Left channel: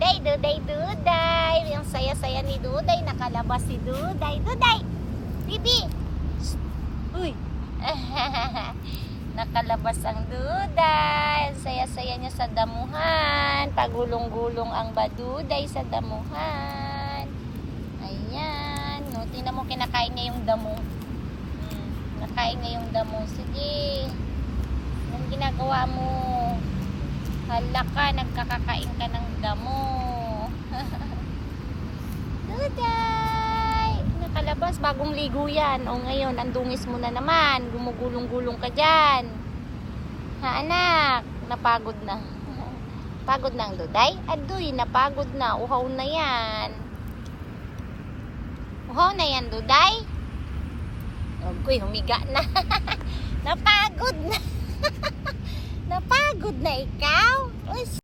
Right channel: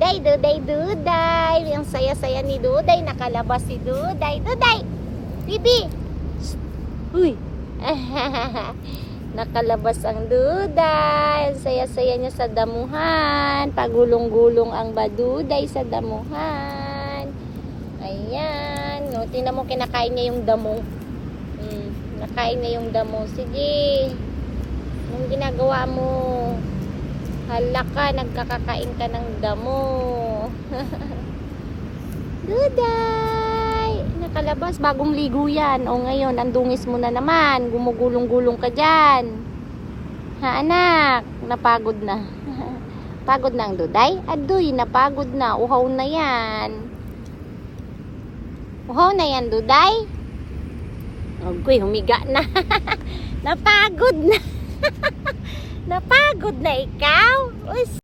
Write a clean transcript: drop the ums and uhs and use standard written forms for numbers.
Duday, Duday, Duday. Ang saya-saya ni Duday. Nakalabas si Duday. Duday! Bibi! Uy! Nakalabas ang Duday. Ang saya-saya niya sa damuhan. Pagulong-gulong ang baduday sa damuhan. Ayan. No, tingnan mo, kinakain niya yung damo. Nakain niya yung damo. Sige. Anong ginagawa mo? Hala ka, nagkakakain ka ng damo. Duday! Nakalabas, bagong ligo yan. O ngayon, andungis mo na naman. Gumugulong-gulong ka dyan. Ha anak? Napagod na. Pagod na ang Duday? Adoy, napagod na. Uhaw na yan. Uhaw na yan, Duday? Uy, humiga na. Napagod na. Napagod na ikaw? Uy,